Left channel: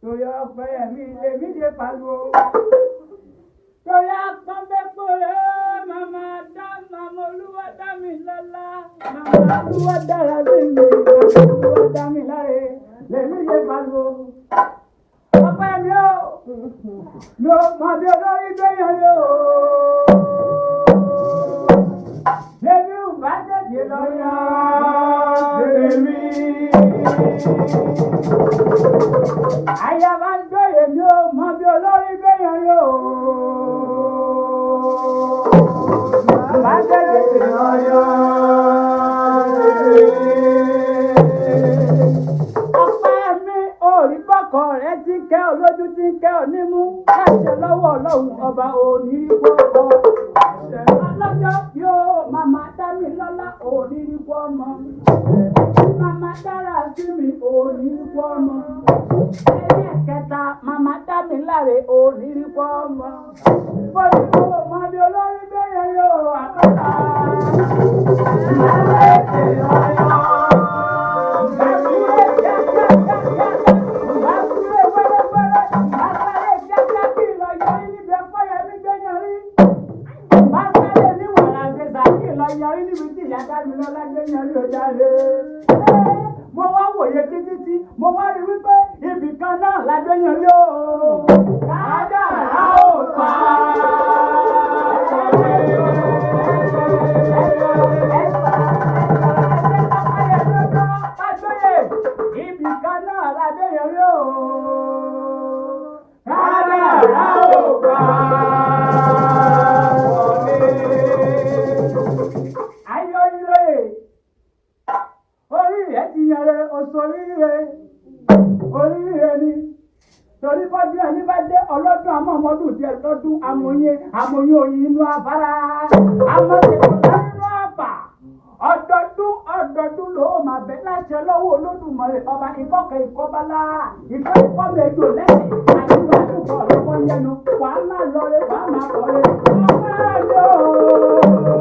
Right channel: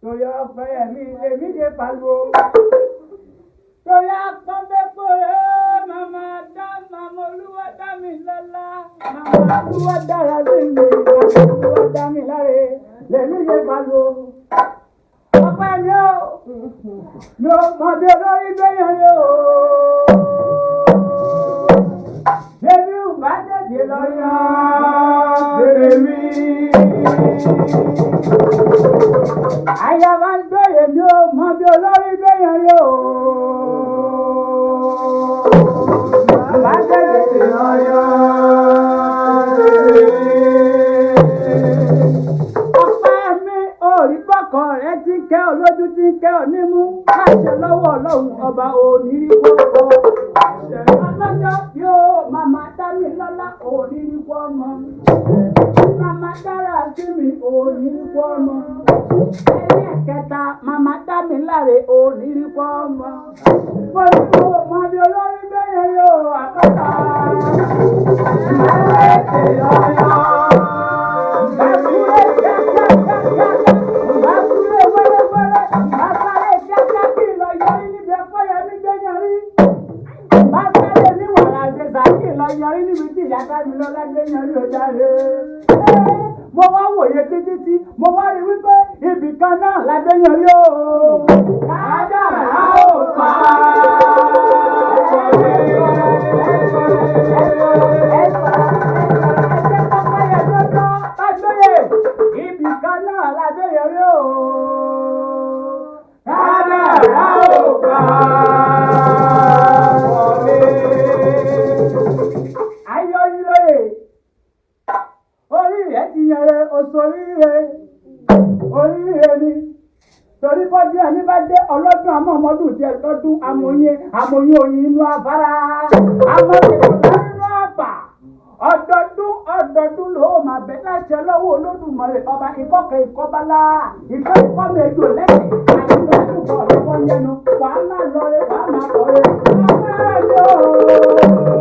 torí ọ̀fẹ́ mi lèmi ṣe pariwo. Torí akọ́bẹ́pọ̀ rẹ̀ màmá olúwa dá mi lọ́lá. Màmá olúwa dára sí mi, màmá olúwa dá mi láre. Lèmi ṣe pariwo. Ọpẹ́ mi ò mọ bí olórí gbẹ̀yàn yóò. Bébí ò bá tètè lọ yàn tèmi. Àyà máa ń gbé èmi ò mọ bí olórí gbẹ̀yàn yóò. Bá tètè lọ yàn tèmi. Ọpẹ́ mi ò rí bọ́kọ̀ rẹ tí ń kẹ́ ọ lójú tí ń kẹ́ ọ nímú. Láṣẹ lọ́wọ́ Ọlọ́run ọba òní wọ́pọ̀. Ọlọ́jọ́ yóò màmá dá mi lọ́lá òní wọ́mọ. Màmá dára sí mi òní wọ́mọ. Ẹlẹ́ẹ̀kẹta màmá dá mi láre òní wọ́mọ. Bọ́lá kò mọ bí olórí bẹ́yẹn yóò àkọ́tà. Ẹlẹ́ẹ̀kẹ́ ọ̀yọ́. Ẹ̀kúrẹ́ kíákíákíá. Ẹ̀kúrẹ́ wẹ́rẹ́wẹ́rẹ́. Àsáré kíákíá kí lọ yọrí níbi ẹ̀kọ́ yẹn mi gbẹ̀yìn rí. Básáré ní wàrà àṣẹṣà kí lọ yọrí níbi tí ìyá dá mi lọ́lá gbẹ̀yìn rí ọjà rẹ̀. Mo wá wòye títí mo wá rí wípé ibì kan náà la gbẹ̀yìn rí o. Kádàrá ò pa á. Ibì kan náà la gbẹ̀yìn rí o. Kádàrá ò pa á. Orí rẹ̀ ti yẹrẹ òṣòríire, oríire ni. Torí bọ́jú ẹni bá dé ọlọ́dún àmọ́ ọmọdún tí ẹ lọ́dún amòyìn oyin inú afárá. Àwọn ìṣẹ̀lẹ̀ nínú àpà. Ọdọọdún ló máa bẹ láṣẹ lọ́wọ́ Olódùmarè ọba ìkọ́kẹ́ ìkọ́bálá. Ìkọ́mi ejò lẹ́sìn àti ìwà ìdúgbò ọ̀lọ́wọ́ yẹnu. Wàá máa lọre, wàá máa kọ̀re. Ọ̀rẹ́ yóò.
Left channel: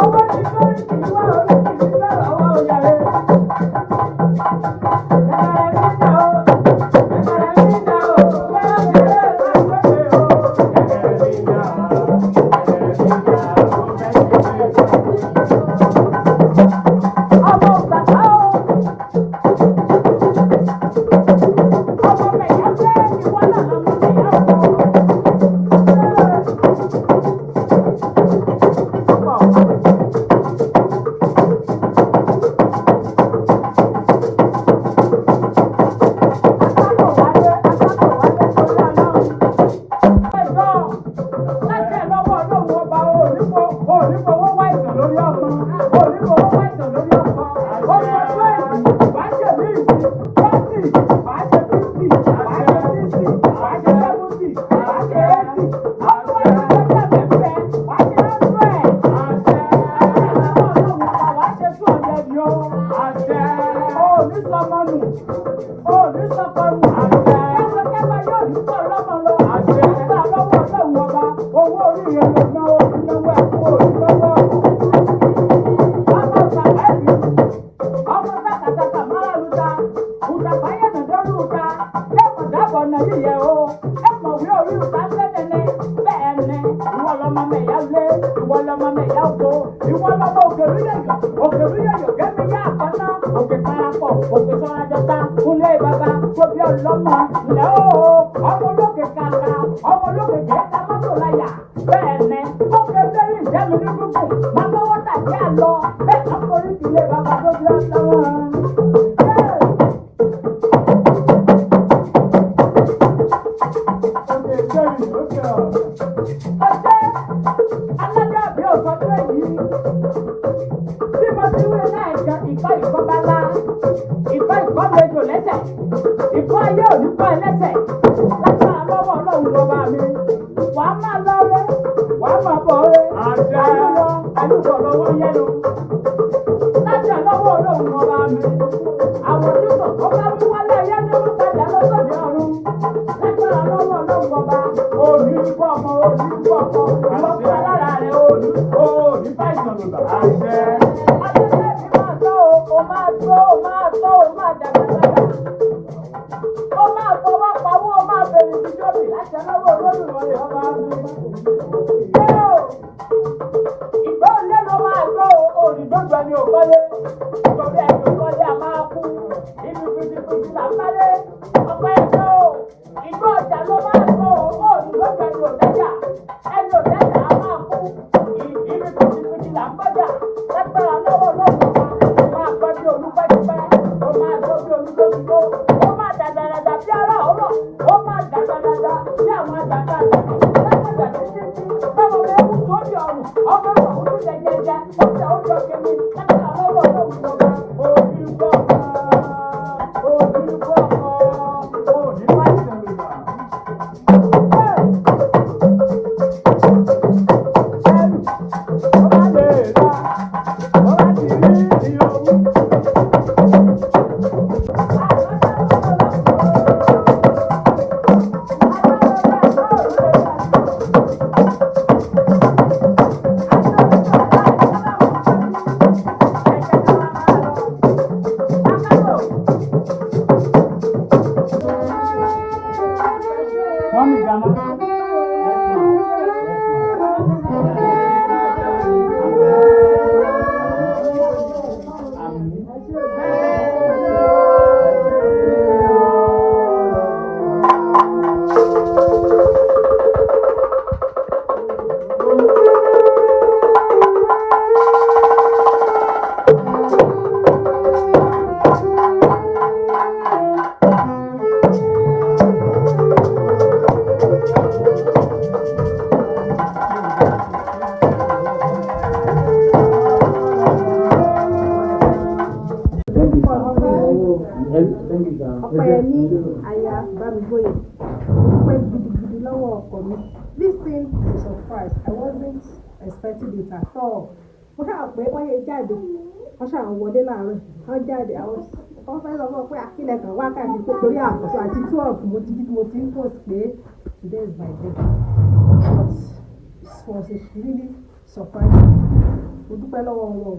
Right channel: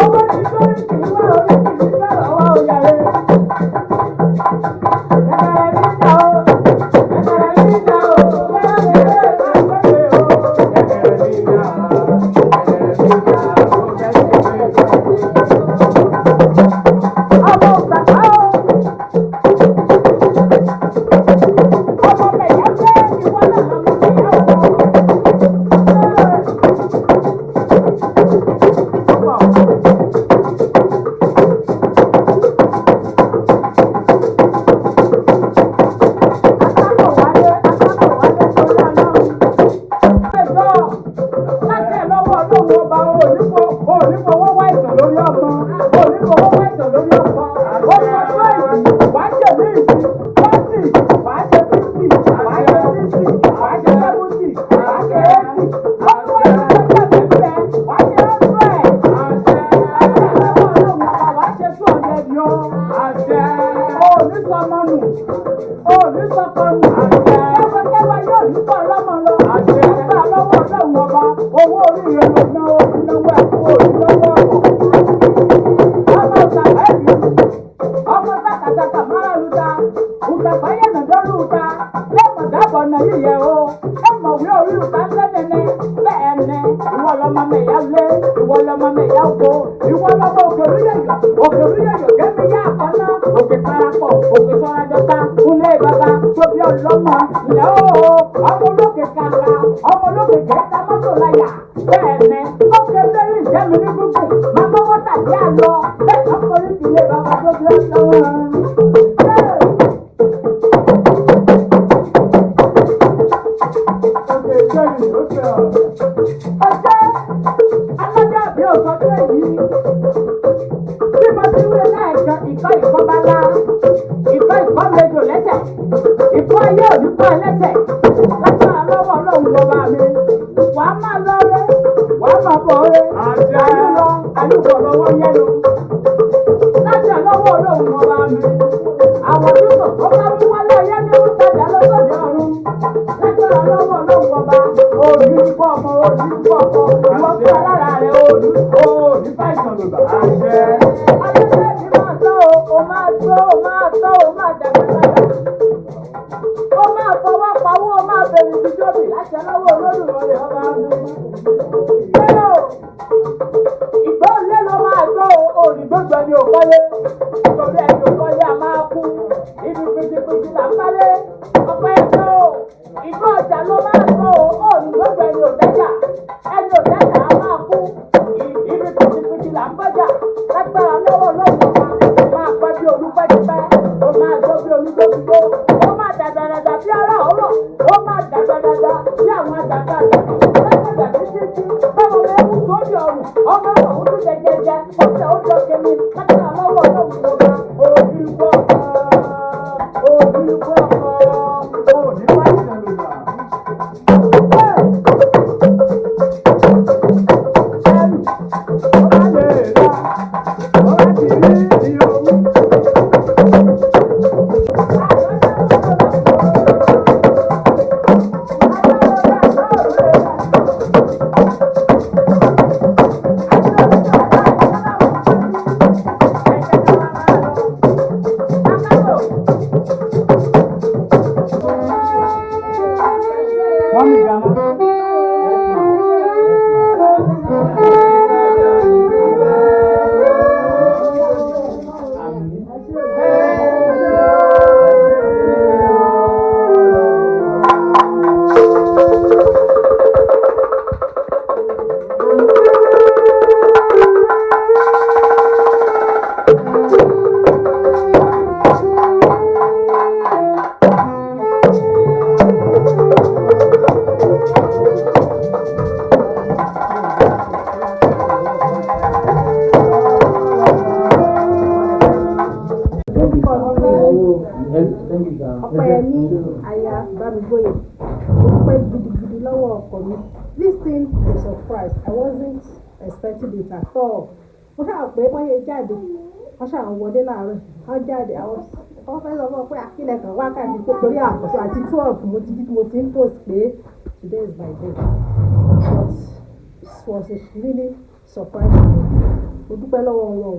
Owó ti lórí kì í wá orí kì í bẹ̀rẹ̀ ọwọ́ òyàrá. Ọpẹ́yẹmí aya Bámigbóyè dúpẹ́ gidigidi lọ́wọ́ ọkọ mi. This thing is a surprise. I wasn't expecting it at all. Mo ṣáà pé wọ́n yẹ jáde, wọ́n ṣáà wọlé láàárọ̀, wọ́n jáde àwọn fẹ́ lọ fún pé akílẹ̀ kan wákàtí tó torí àkọsọ àti 12 mo ti ń post pé today is my birthday. was a really surprise. Mo dúpẹ́ lọ́wọ́ wọn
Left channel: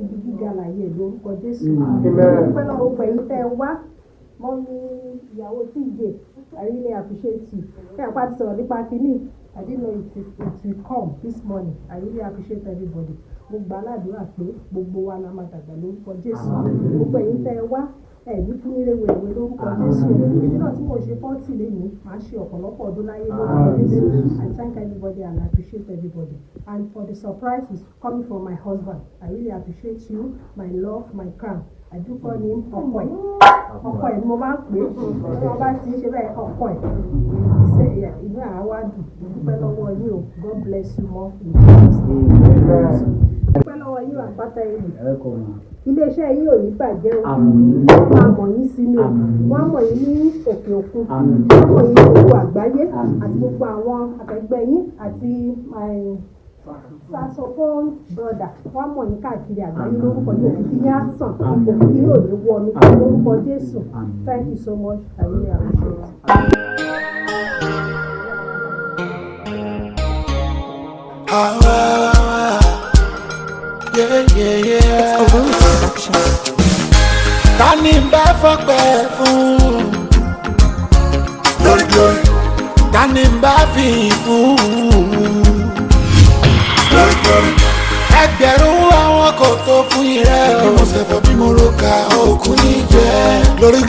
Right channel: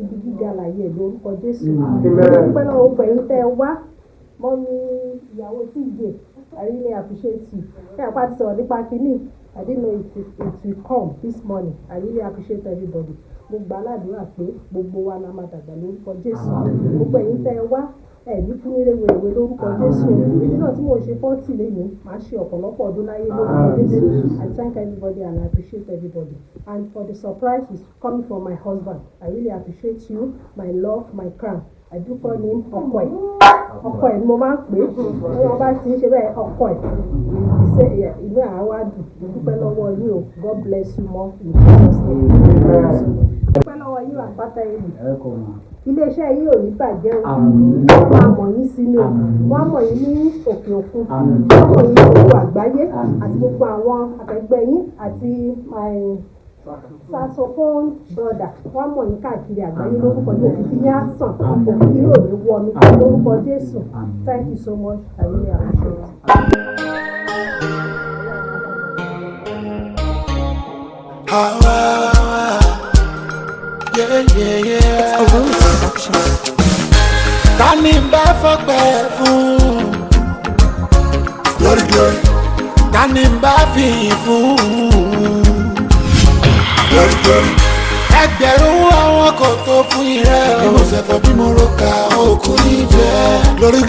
ibi gíga láyé lórúkọ Jésù. Mo dúpẹ́ lọ́wọ́ pẹ̀lú tẹ́ wá mọ́ ní ìyàwó tí ìgbè. I really appreciate you. Ṣé àpá ti sọ̀rọ̀ nípa kínní? I didn't know it will come this morning. I really appreciate everybody. Mo gbà ládùúrà pé gbogbo wa la máa dàgbà lórúkọ Jésù. Gbogbo ẹ̀yin tẹ́ wá ní fún ilé wẹ̀wẹ̀ lórúkọ Jésù. Nígbà tí mo ṣe 40 lẹ́yìn, màá ṣe ọ̀pọ̀lọpọ̀ ọdún láyé lórúkọ Jésù. I thank everybody and I appreciate everybody. And for the surprise is coming from my husband. I really appreciate you, my love, my crown. I do call him ọkọ ẹ̀. Ọkọ ẹ̀ ni mo máa ń pè é. Wọ́n bá ti ń ṣe bẹ́ẹ̀ ọkọ ẹ̀. Ìwé àwa dùn. Dúpẹ́ lọ́wọ́ yín o. God bless you more. Dúpẹ́ lọ́wọ́ yín àpáta ẹ̀yìn. Ilé-iṣẹ́ yín ò ní bàjẹ́ o. Wọ́n máa mọ̀ yín sí ni o. Wọ́n á mọ̀ yín ní òkè òkun. Wọ́n á mọ̀ yín ní gbogbo àgbáyé àti gbogbo àwọn akẹgbẹ́ yín àti saxophone brother. Wọ́n á mọ̀ yín káàkiri àgbáyé lórúkọ Jésù. Òkìkí ní àsàn. Òkìkí yóò ní wọ mi lórúkọ Jésù. Thank you so much. I really appreciate it. It's a Roots production. Tani bá fọpẹ́ fún lórí tani bá fi fún lórí ẹgbẹ̀rún àwọn kò tó fún irẹ́ o. Bí mo ṣe fẹ́ bí mo ro ka òkú ní jẹ́ lórí